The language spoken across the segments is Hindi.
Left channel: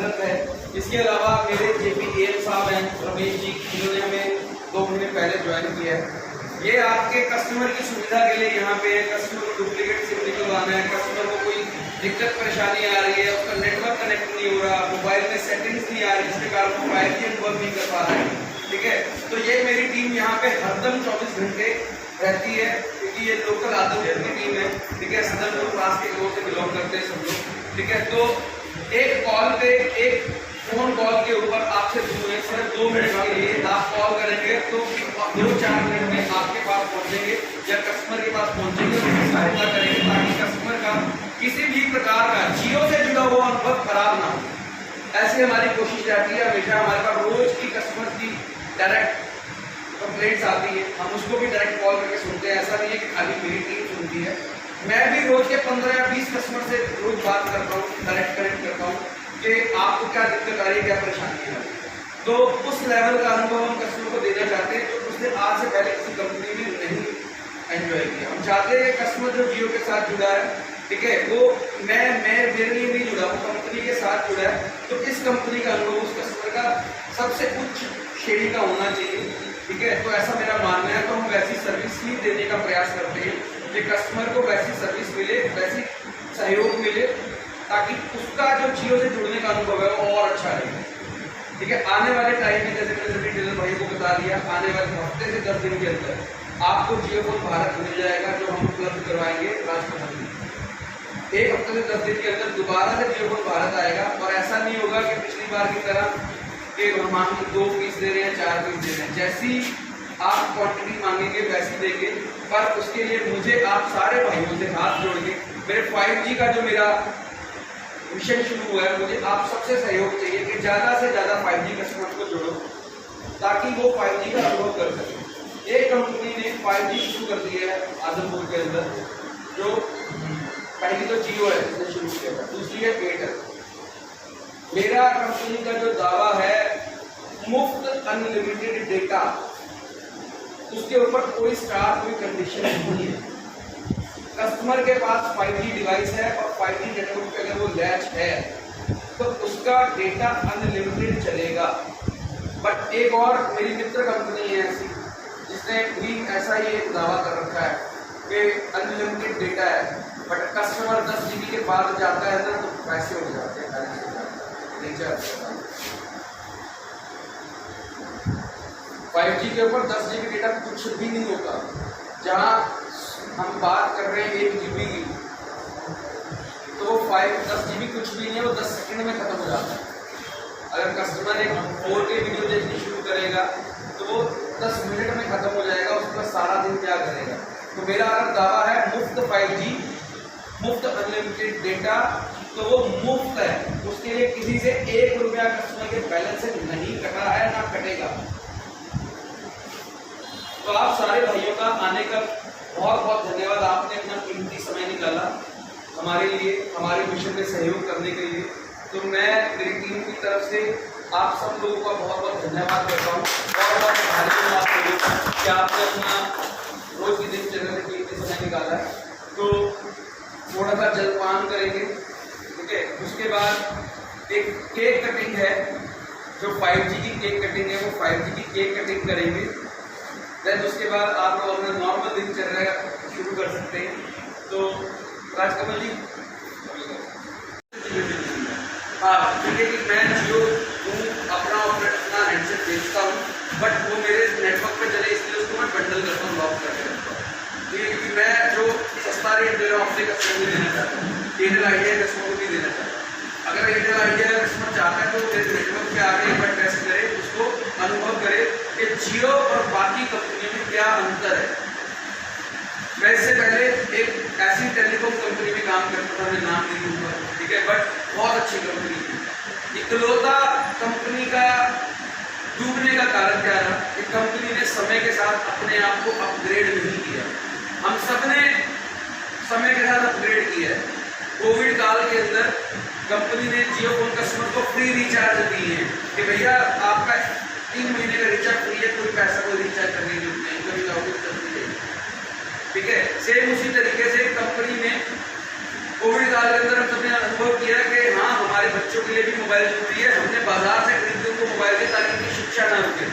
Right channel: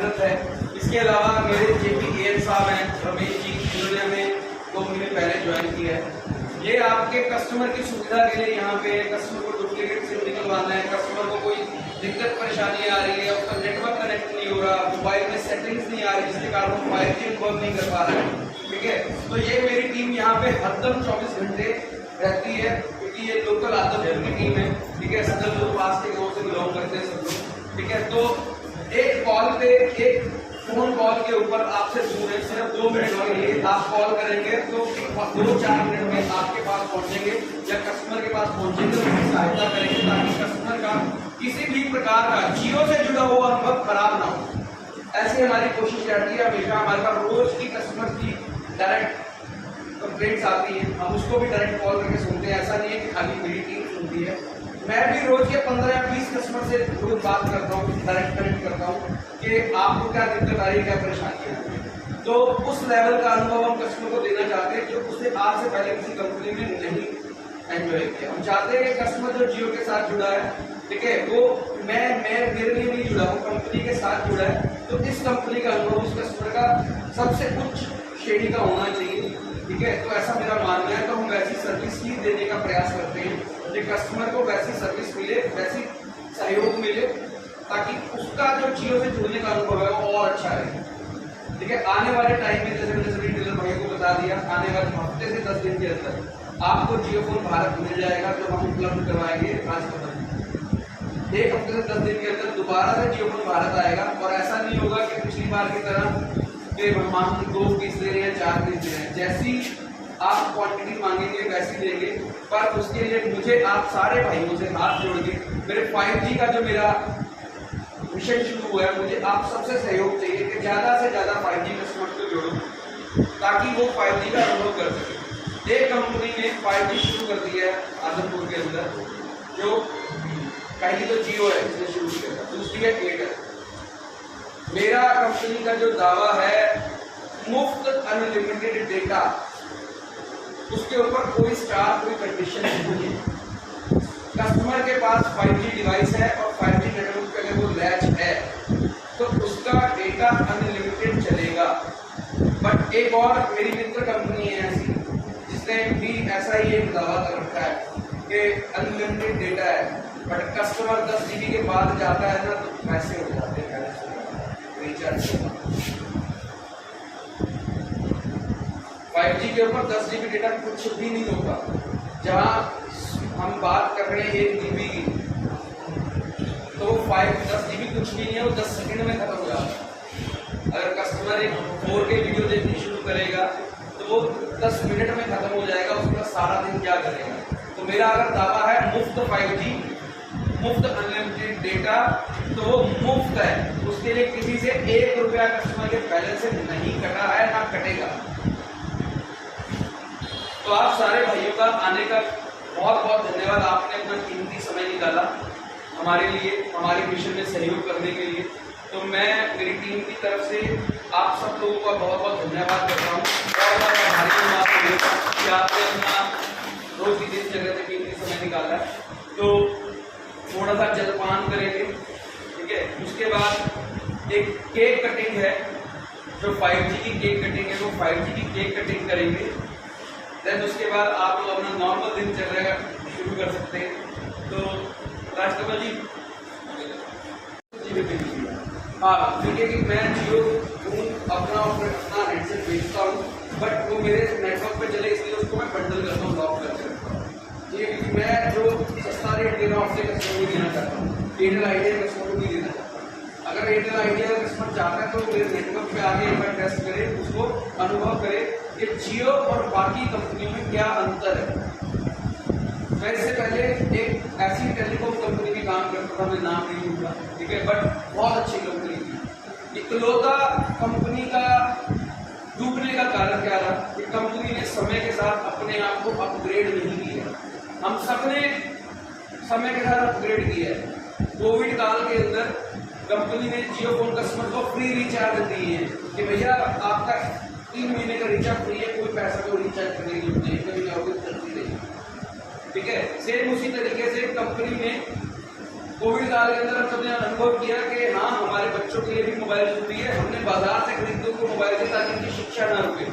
स्वागत है। इसके अलावा मेरे जेपी एम साहब हैं रमेश जी, जिन्होंने हमें 2 महीने पहले ज्वाइन किया है। ये आपके कस्टमर की सुविधा के लिए यहाँ पे कस्टमर को डुप्लीकेट सिम निकलवाना है, कस्टमर को कोई दिक्कत परेशानी आ रही है, उसका नेटवर्क कनेक्ट नहीं हो रहा, मोबाइल में सेटिंग्स नहीं आ रही, जिसके कारण वो 5G वर्क नहीं कर पा रहा है। ठीक है, तो ये मेरी टीम यहाँ पे हरदम 24 घंटे रहती है, क्योंकि ये लोकल आदमपुर की टीम है। ठीक है, सदरपुर पास के ओर से बिलोंग करते हैं सब लोग। ठीक है, तो एक कॉल पे, एक फोन कॉल के ऊपर आपसे सिर्फ 2 मिनट के लिए आप कॉल करेंगे तो 2-4 मिनट में आपके पास पहुंचेंगे या कस्टमर के पास पहुंचेंगे, उनकी सहायता करेंगे ताकि कस्टमर का किसी भी प्रकार का जियो से जुड़ा हुआ अनुभव खराब ना हो। ऐसे हमारी कोशिश रहती है। हमेशा हमारे पास रोज की कस्टमर की डायरेक्ट कंप्लेंट्स आती है, हम उसको भी डायरेक्ट कॉल करके सुनते हैं। ऐसा नहीं है कि खाली मेरी टीम सुनती है, मैं भी रोज के 15 या 20 कस्टमर से रोज बात करता हूँ, डायरेक्ट कनेक्ट करता हूँ कि आपको क्या दिक्कत आ रही है, क्या परेशानी है। तो उस लेवल का अनुभव हम कस्टमर को देना चाहते हैं जो उसने आज से पहले किसी कंपनी में नहीं एंजॉय किया। हम चाहते हैं कि कस्टमर जो जियो के साथ जुड़ा है, ठीक है, वो मैं मेरे लिए नहीं जुड़ा, वो कंपनी के साथ जुड़ा है, तो इस कंपनी का अनुभव उस कस्टमर का सबसे उच्च श्रेणी का होना चाहिए। ठीक है, तो ऐसा मेरा मानना है। तो हम वैसी सर्विस ही देने का प्रयास करते हैं कि कस्टमर को वैसी सर्विस मिले, वैसी सहयोग मिले, ताकि उसका जो जियो से जुड़ने का अनुभव है वो और अच्छा रहे। ठीक है, आने वाले टाइम में जैसे मैंने सभी डीलर भाई को बता दिया, आने वाले हफ्ते से 10 दिन के अंदर आपको जियो फोन भारत मिल जाएगा, जो हम उपलब्ध करवाएंगे राजभवन में। 1 हफ्ते से 10 दिन के अंदर दोबारा से जियो फोन भारत आएगा, और ऐसा नहीं होगा कि पिछली बार की तरह कि हम 2 पीस दे रहे हैं, 4 पीस दे रहे हैं। जैसी आप क्वांटिटी मांगेंगे वैसी देंगे, पर उसके लिए मुझे आप सारे भाइयों से हाथ जोड़ के, मेरे 5G का जो मेरा मिशन शुरू हुआ है, मुझे आप सबसे सहयोग चाहिए कि ज़्यादा से ज़्यादा 5G कस्टमर्स को जोड़ो ताकि वो 5G का अनुभव कर सके। एक कंपनी ने 5G शुरू कर दिया है आदमपुर के अंदर, जो पहली तो जियो है जिसने शुरू किया था, दूसरी है एयरटेल। मेरा कंपनी का जो दावा है मुफ्त अनलिमिटेड डेटा, उसके ऊपर कोई स्टार, कोई कंडीशन नहीं है। कस्टमर के पास 5G डिवाइस है और 5G नेटवर्क पे अगर वो लैच है तो उसका डेटा अनलिमिटेड चलेगा। बट एक और मेरी मित्र कंपनी है ऐसी, जिसने भी ऐसा ही एक दावा कर रखा है कि अनलिमिटेड डेटा है, बट कस्टमर 10 GB के बाद जाता है ना तो पैसे हो जाते हैं, बैलेंस हो जाता है, रिचार्ज होता है। 5G के ऊपर 10 GB डेटा कुछ भी नहीं होता। जहाँ हम बात कर रहे हैं 1 GB की, तो वो 10 GB कुछ भी नहीं है, वो 10 सेकंड में खत्म हो जाता है। अगर कस्टमर एक 4K वीडियो देखनी शुरू करेगा तो वो 10 मिनट में खत्म हो जाएगा, उसका सारा दिन क्या करेगा। तो मेरा अगर दावा है मुफ्त 5G, मुफ्त अनलिमिटेड डेटा, तो वो मुफ्त है। उसके लिए किसी से 1 रुपया कस्टमर के बैलेंस से नहीं कटा है, ना कटेगा। तो आप सारे भाइयों का आने का बहुत बहुत धन्यवाद। आपने अपना कीमती समय निकाला हमारे लिए, हमारे मिशन में सहयोग करने के लिए। तो मैं मेरी टीम की तरफ से आप सब लोगों का बहुत बहुत धन्यवाद करता हूँ। बहुत बहुत आभारी हूँ कि आपने अपना रोज की दिनचर्या से कीमती समय निकाला है। तो थोड़ा सा जलपान करेंगे, ठीक है। उसके बाद एक केक कटिंग है, जो 5G की केक कटिंग है, वो 5G की केक कटिंग करेंगे। देन उसके बाद आप लोग अपना नॉर्मल दिनचर्या शुरू कर सकते हैं। तो राजकमल जी, हाँ ठीक है कि मैं जियो हूँ, अपना हैंडसेट बेचता हूँ, बट वो मेरे नेटवर्क पे चले इसलिए उसको मैं बंडल करता हूँ, लॉक करके रखता हूँ। ठीक है, क्योंकि मैं जो सस्ता रेट दे रहा हूँ अपने कस्टमर को देना चाहता हूँ, एयरटेल आइडिया कस्टमर को भी देना चाहता हूँ। अगर एयरटेल आइडिया कस्टमर चाहता है तो मेरे नेटवर्क पे आगे एक बार टेस्ट करे, उसको अनुभव करे कि जियो और बाकी कंपनियों में क्या अंतर है। मैं इससे पहले एक ऐसी टेलीकॉम कंपनी में काम करता था, मैं नाम नहीं लूँगा, ठीक है, बट बहुत अच्छी कंपनी थी। इकलौता कंपनी का डूबने का कारण क्या रहा कि कंपनी ने समय के साथ अपने आप को अपग्रेड नहीं किया। हम सब ने समय के साथ अपग्रेड किया है। कोविड काल के अंदर कंपनी ने जियो फोन कस्टमर को फ्री रिचार्ज दी है कि भैया आपका 3 महीने का रिचार्ज फ्री है, कोई पैसा कोई रिचार्ज करने की जरूरत नहीं, कभी ना कभी चलती रहेगी। ठीक है, सेम उसी तरीके से कंपनी ने कोविड काल के अंदर हम सबने अनुभव किया कि हाँ हमारे बच्चों के लिए भी मोबाइल जरूरी है, हमने बाजार से खरीदते उनको मोबाइल के ताकि उनकी शिक्षा ना रुके।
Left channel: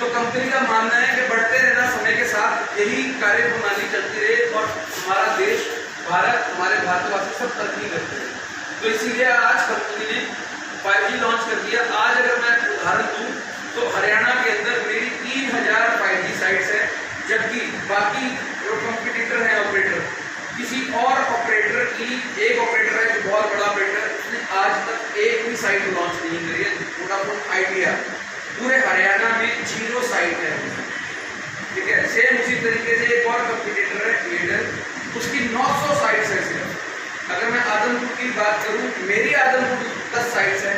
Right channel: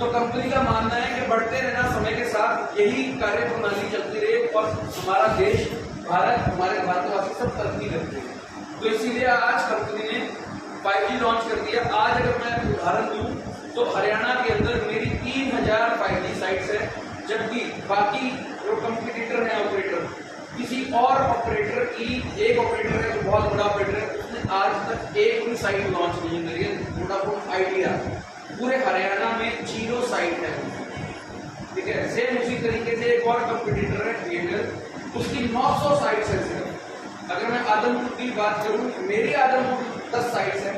तो कंपनी का मानना है कि बढ़ते रहना समय के साथ यही कार्य प्रणाली चलती रहे और हमारा देश भारत, हमारे भारतवासी सब तरक्की करते रहे। तो इसीलिए आज कंपनी ने 5G लॉन्च कर दिया। आज अगर मैं उदाहरण दूं तो हरियाणा के अंदर मेरी 3000 5G साइट्स है, जबकि बाकी जो कंपटीटर हैं ऑपरेटर, किसी और ऑपरेटर की, एक ऑपरेटर है जो बहुत बड़ा ऑपरेटर, उसने आज तक एक भी साइट लॉन्च नहीं करी है। वोडाफोन आइडिया पूरे हरियाणा में 0 साइट है, ठीक है। सेम उसी तरीके से एक और कंपटीटर है एयरटेल, उसकी 900 साइट्स है सिर्फ। अगर मैं आदमपुर की बात करूं, मेरी आदमपुर 10 साइट्स है,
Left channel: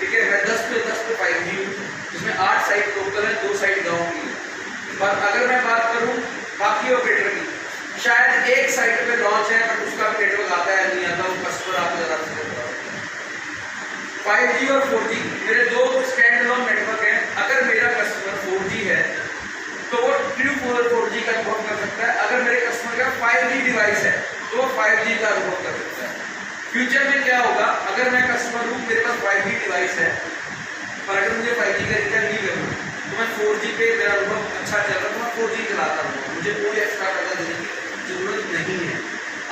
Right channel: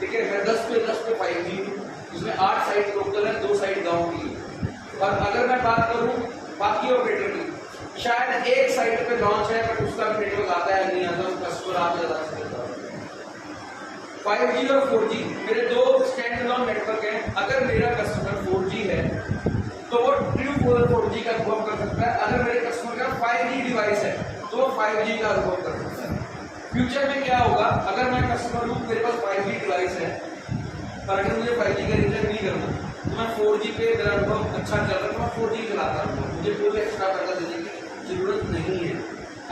ठीक है। मैं 10 पे 5G हूँ, जिसमें 8 साइट लोकल है, 2 साइट गाँव की है। और अगर मैं बात करूँ बाकी ऑपरेटर की, शायद एक साइट पे लॉन्च है बट उसका भी नेटवर्क आता है नहीं आता, कस्टमर आपको जरा से 5G और 4G मेरे 2 स्टैंड अलोन नेटवर्क हैं। अगर मेरा कस्टमर 4G है तो वो ट्रू 4G का अनुभव कर सकता है। अगर मेरे कस्टमर का 5G डिवाइस है तो वो 5G का अनुभव कर सकता है। फ्यूचर में क्या होगा, अगर मैं कस्टमर हूँ, मेरे पास 5G डिवाइस है और अगर मुझे 5G का रिचार्ज नहीं करना तो मैं 4G पे मेरा अनुभव अच्छा चल रहा है तो मैं 4G चलाता हूँ, मुझे कोई एक्स्ट्रा पैसा देने की जरूरत नहीं है।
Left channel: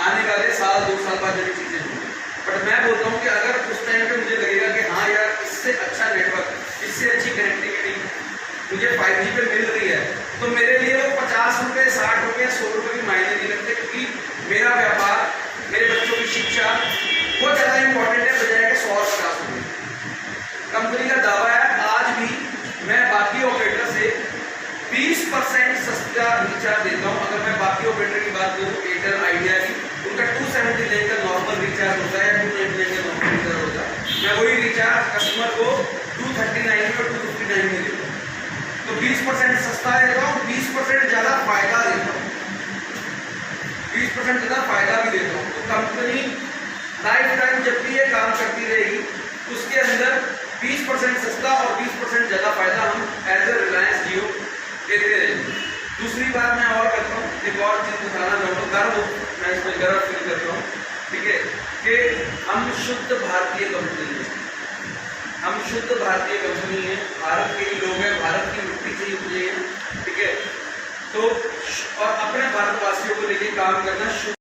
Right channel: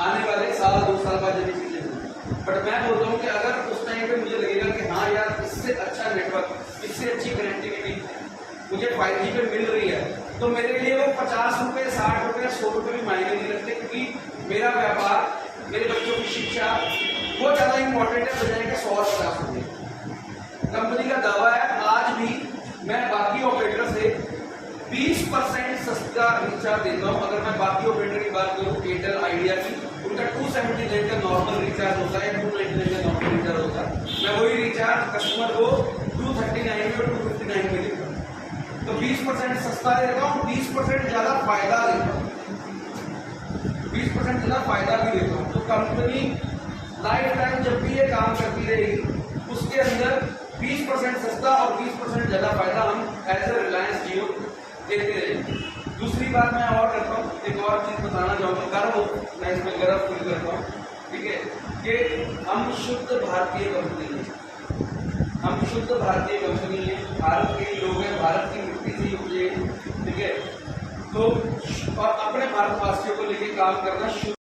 आने वाले साल 2 साल बाद जब चीजें होंगी, बट मैं बोलता हूँ कि अगर उस टाइम पे मुझे लगेगा कि हाँ यार इससे अच्छा नेटवर्क, इससे अच्छी कनेक्टिविटी मुझे 5G पे मिल रही है, तो मेरे लिए वो 50 रुपये, 60 रुपये, 100 रुपये भी मायने नहीं लगते, क्योंकि मेरा व्यापार, मेरे बच्चों की शिक्षा वो ज़्यादा इंपॉर्टेंट है बजाय के 100 और 50 रुपये। कंपनी का दावा है आज भी मैं बाकी ऑपरेटर से 20% सस्ता रिचार्ज देता हूँ। अगर मैं बाकी ऑपरेटर की बात करूँ, एयरटेल आइडिया की, उनका 279 का नॉर्मल रिचार्ज होता है, 299 का नॉर्मल रिचार्ज होता है, मैं वही रिचार्ज कस्टमर को 239 में और 259 में देता हूँ। तो 20% सस्ता देता हूँ, 20% ज़्यादा फायदा देता हूँ, 20% ज़्यादा फायदा भी देता हूँ। तो कंपनी लाइफ टाइम जब भी ये काम करती रहेगी, उसके अंदर 20% सस्ता और 20% ज़्यादा फायदा हम एज ए रिलायंस जियो देते रहेंगे। दूसरी बात मैं और करता हूँ, एक और चीज़ बताना चाहूँगा, गर्व, मैं इसमें गर्व फील करता हूँ, ठीक है, कि हम शुद्ध भारतीय कंपनी है, हम शुद्ध भारतीय कंपनी है, भारत के ही लोग हैं, भारत की मिट्टी से ही उपजे हैं, ठीक है। तो और अपने भारतवासियों को लेके काम करना